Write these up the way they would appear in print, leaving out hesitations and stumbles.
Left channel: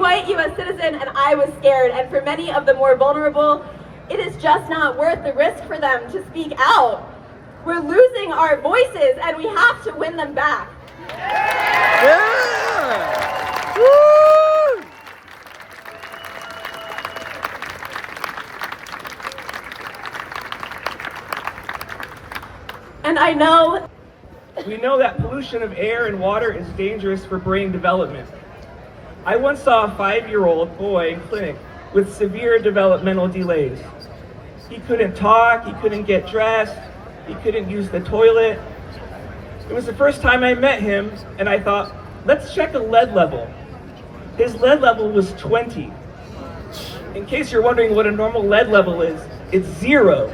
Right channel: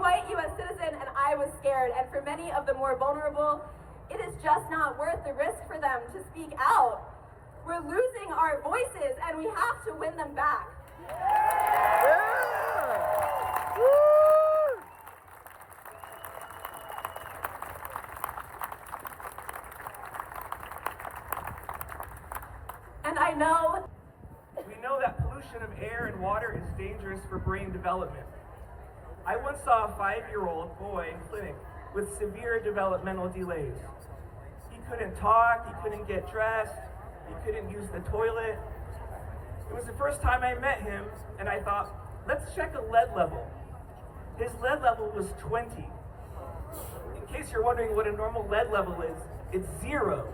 white U.S. citizen, and I was scared. And for many of the more vulnerable, it is just not worth the risk for them to speak out. We're losing our voices, and we have to win them back. Yeah! Woo! And I know we know that pollution of air and water is dangerous for brain development. I once saw a 5-year-old boy in clinic with severe developmental delays. He couldn't talk, he couldn't get dressed, he couldn't use the toilet. It was the first time I met him, and I thought, let's check a lead level. His lead level was 20. In case you're wondering what a normal lead level is, it's 0.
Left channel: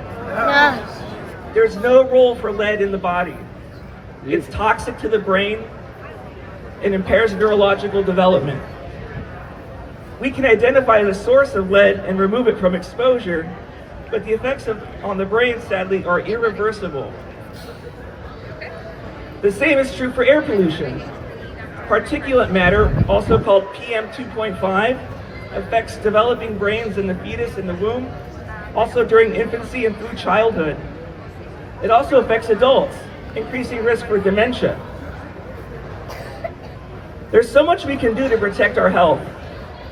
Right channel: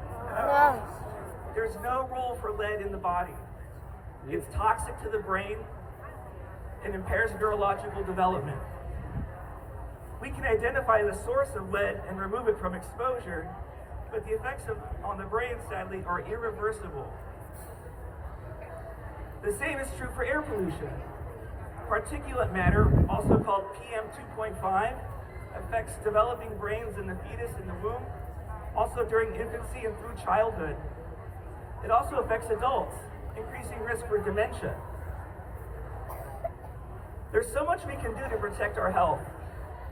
There's no role for lead in the body. It's toxic to the brain and impairs neurological development. We can identify the source of lead and remove it from exposure, but the effects on the brain, sadly, are irreversible. The same is true for air pollution. Particulate matter, also called PM 2.5, affects developing brains in the fetus in the womb, also during infancy and through childhood. It also affects adults, increasing risk for dementia. There's so much we can do to protect our health.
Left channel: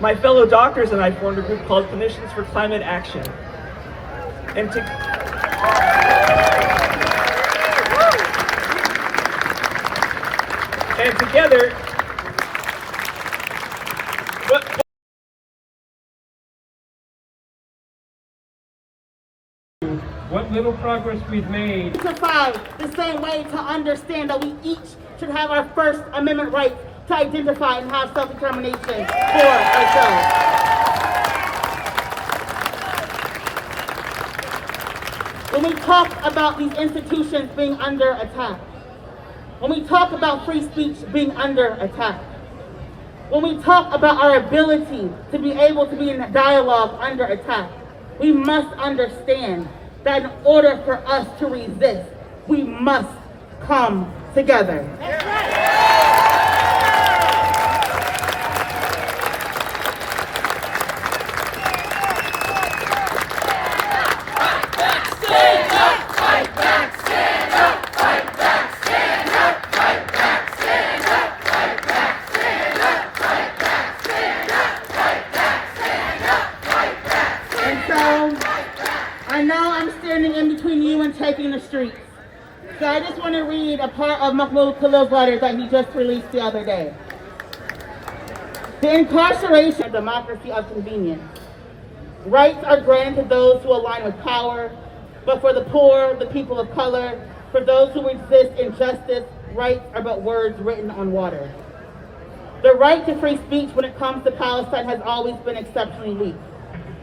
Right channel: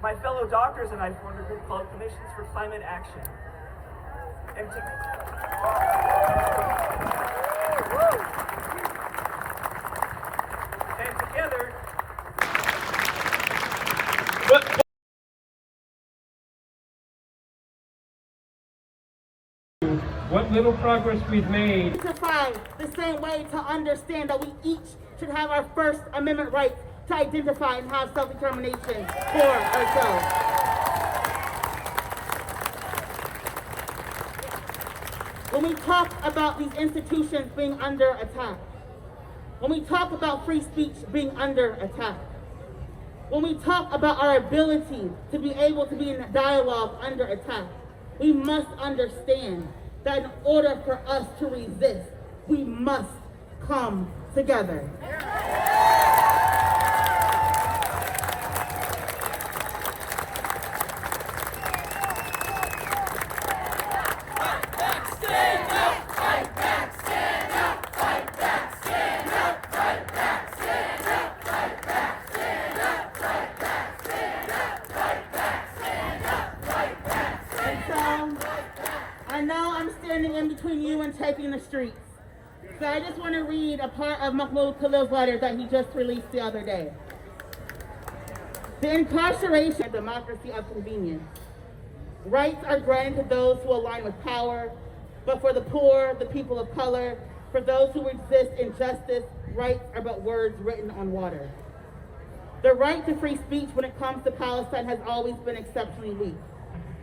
My fellow doctors and I formed a group called Clinicians for Climate Action. And together, what little progress we've made. The same way to understand that we each should have our First Amendment right to identify and have self-determination for ourselves. When we talk about these institutions being under attack, when we talk about free speech being under attack, when we talk about our ability to be able to be in dialogue under attack, we must understand that in order for us to resist, we must come together. I know I'm standing in between you and taking the streets. So I just want to read a part of Mahmoud Khalil's letter that he just released the other day. The incarceration of democracy of convenience. Rights are granted to those who align with power, but for the poor, the people of color, for those who resist injustice, rights are but words written on water. The right to free speech when it comes to Palestine has always been exceptionally weak.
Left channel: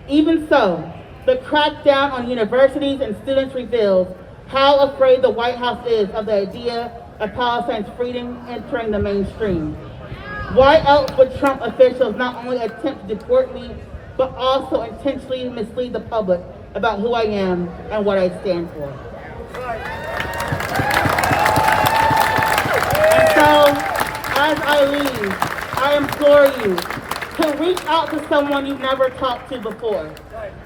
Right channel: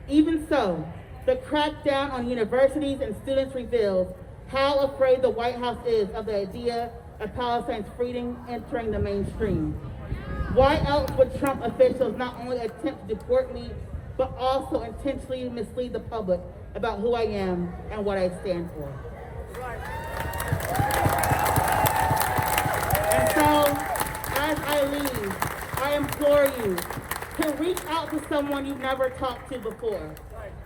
Even so, the crackdown on universities and students reveals how afraid the White House is of the idea of Palestine's freedom entering the mainstream. Why else would Trump officials not only attempt to deport me, but also intentionally mislead the public about who I am and what I stand for? And so, as I leave, I implore you to reach out to someone you've never talked to before.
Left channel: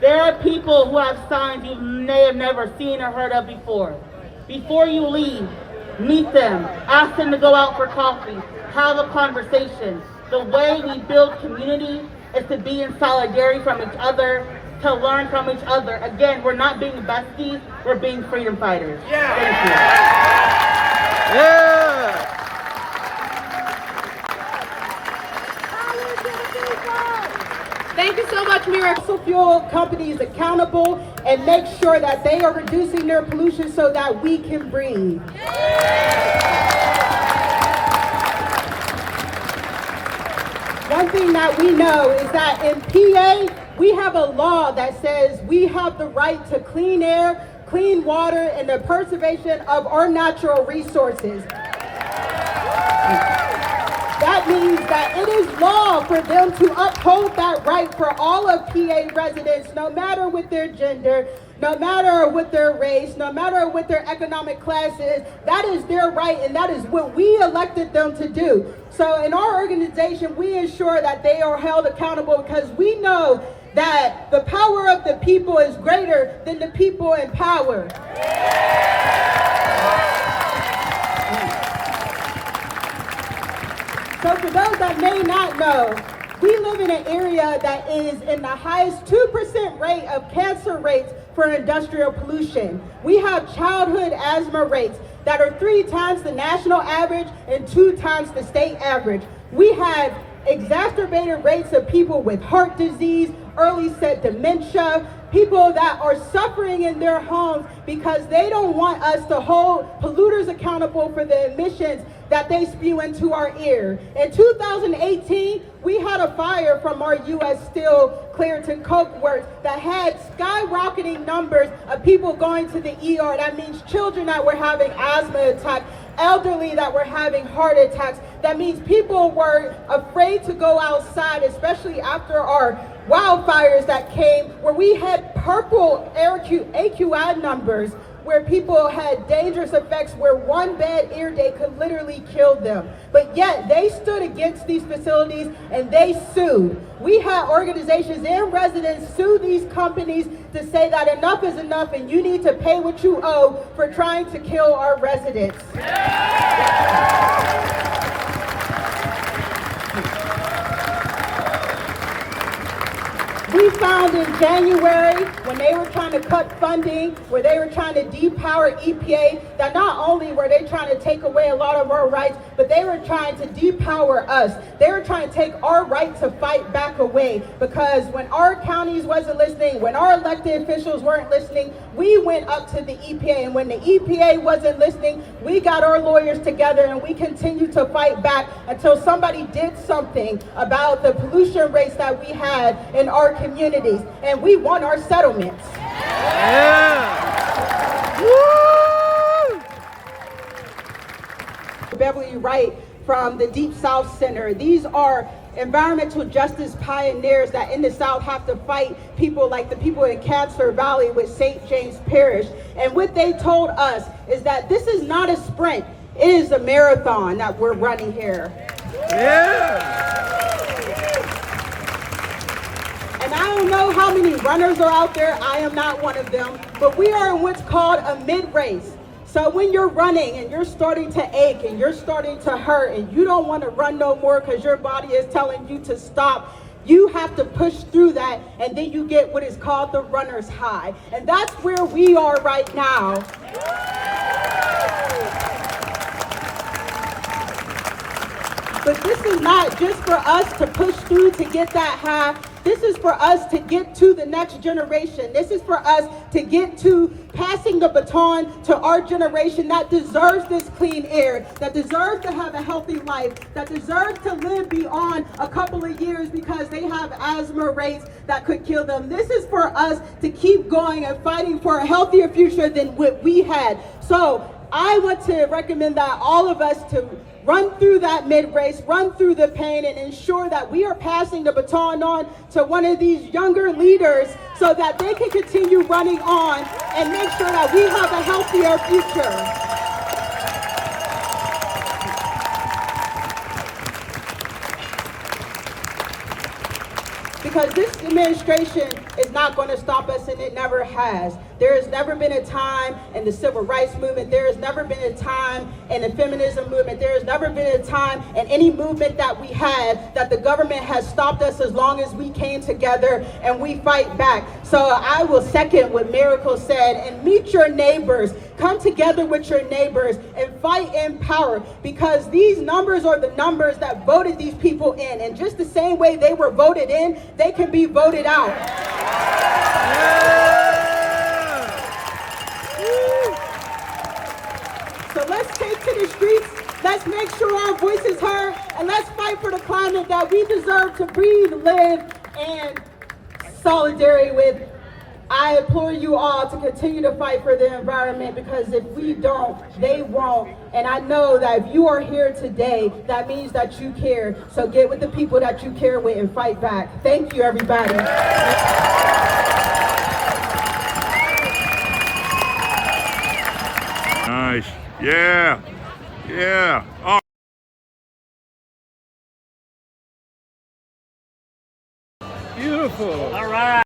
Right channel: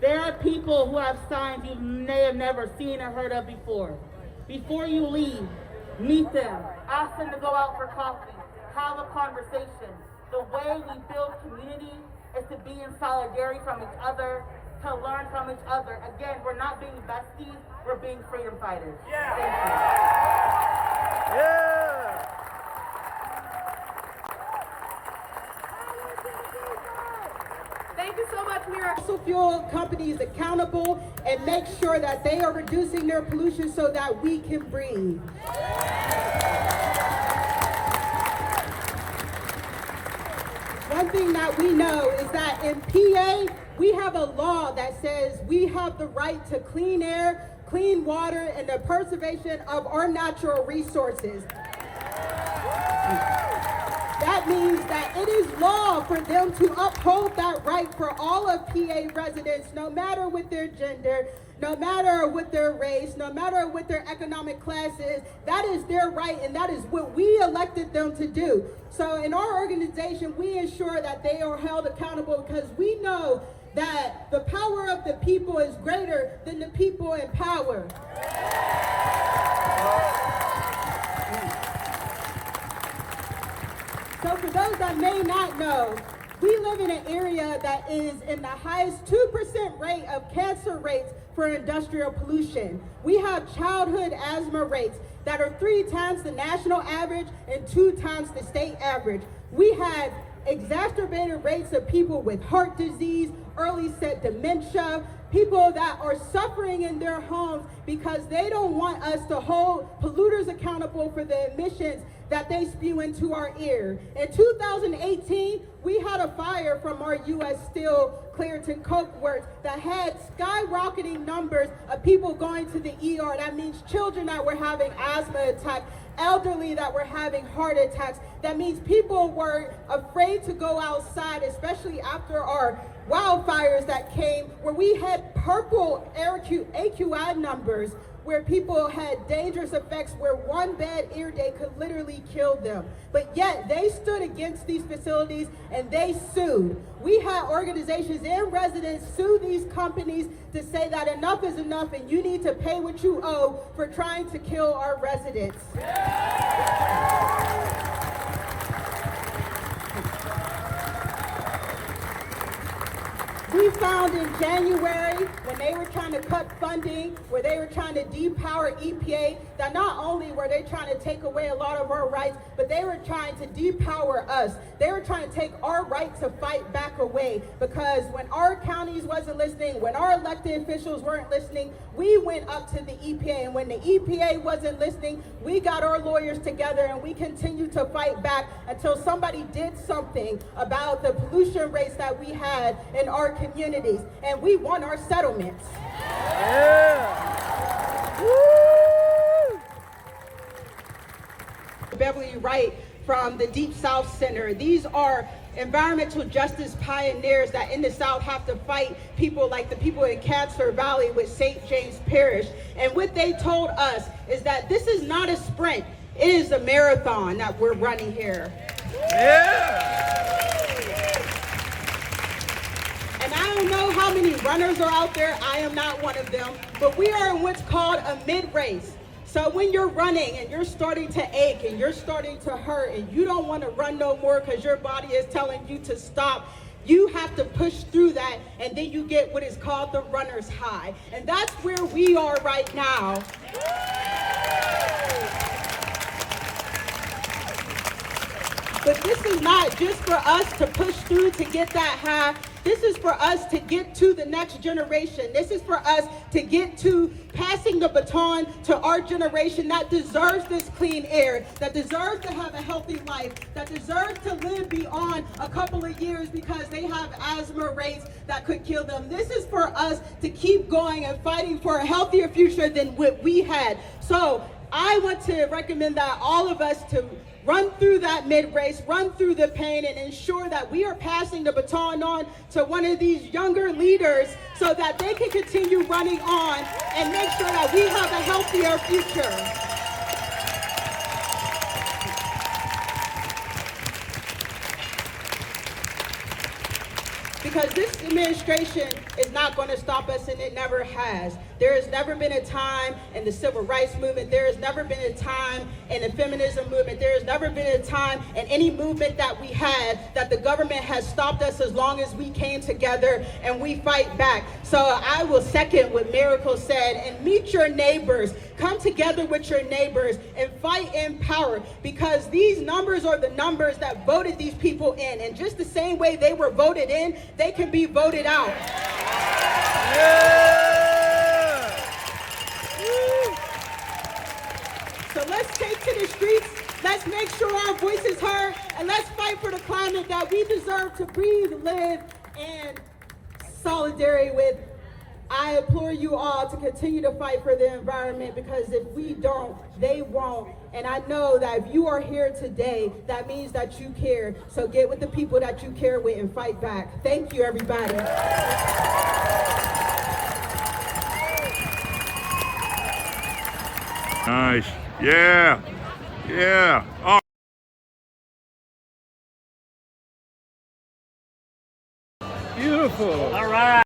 There are people who have signs you may have never seen or heard of before. Before you leave, meet them, ask them to go out for coffee, have a conversation. The way we build community is to be in solidarity from each other, to learn from each other. Again, we're not being besties, we're being freedom fighters. Yeah. Thank you. Yeah! Thank you so much, Mira. Fossil fuel companies accountable and make sure that they are reducing their pollution so that we can breathe. One thing that we know is that in PA, we have a law that says we have the right to clean air, clean water, and the preservation of our natural resources. That means that it is law for them to uphold that right for all of PA residents, no matter with their gender, no matter what their race, no matter what their economic class is. That is their right, and that is what we elected them to do. So in our organization, we ensure that they are held accountable because we know that the power of the people is greater than the people in power. So for those that may not know, we live in an area that is in the highest 2% rate of cancer rates for industrial pollution. We have childhood asthma rates that are 3 times the national average and 2 times the state average. We have exacerbated rates of people with heart disease, early set dementia, people that are suffering in their homes because they don't want us to hold polluters accountable for the emissions that they spew into our air. In 2018, we had a fire from our U.S. Steel Clairton Coke Works that had skyrocketing numbers of people going to the ER. That means children that were having asthma attacks, elderly that were having heart attacks. That means people were afraid to go outside, especially after our wildfires that came, where we had purple AQI numbers, where people had dangerous effects, where one bad air day could literally kill them. But yet they stood against these facilities and they sued. We had organizations and residents sue these companies to say that enough is enough and you need to pay what you owe for trying to kill our residents. We found in January, when they were trying to cut funding, where they were trying to depower EPA, that not only were they trying to take away a lot of our rights, but they were trying to depower us. They were trying to take our right to fight back away, because when our counties wasn't listening, when our elected officials weren't listening, we went up to the EPA. And when the EPA wasn't listening, we got our lawyers together and we continued to fight back until somebody did something about the pollution rates that we had in our communities, and we won our settlements. Beverly Wright from the Deep South Center. These are environmental justice pioneers that in the South have to fight people like the people in Cancer Valley with St. James Parish. And what they told us is that this is not a sprint, it is a marathon that we're running here. And I don't know how many runners are out there, I am not one of them, but we are in what's called a mid-race. So when you're running and you're starting to ache and you're starting to hurt and you don't want to run no more because your body is telling you to stop, you have to push through that, and then you get what is called the runner's high. And that's where we are right now. But this is not just for us to push through to get that high. This is for us to get to the next generation. This is for us to get to passing the baton to our generation that deserves this clean air, that deserves to have a healthy life, that deserves to live beyond a couple of years because they have asthma rates that could kill them. This is for us to keep going and fighting for a healthier future than what we had. So I want to recommend that all of us to run through that mid-race, run through the pain, and ensure that we are passing the baton on to one of these younger leaders so that they can continue running on and make sure that we have a healthier future. Because this administration is not going to stop us, and it never has. There has never been a time in the civil rights movement, there has never been a time in the feminism movement, there has never been a time in any movement that we had that the government has stopped us as long as we came together and we fight back. So I will second what Miracle said, and meet your neighbors. Come together with your neighbors and fight in power, because these numbers are the numbers that voted these people in. And just the same way they were voted in, they can be voted out. So let's take to the streets, let's make sure our voice is heard, and let's fight for the climate that we deserve to breathe, live, and solidarity with. I implore you all to continue to fight for the environment, because if we don't, they won't. And I know that if you are here today, that means that you care. So get with the people that you care with and fight back. Thank you, everybody. Nice. Yeah. Yeah. Oh. Beautiful. All right.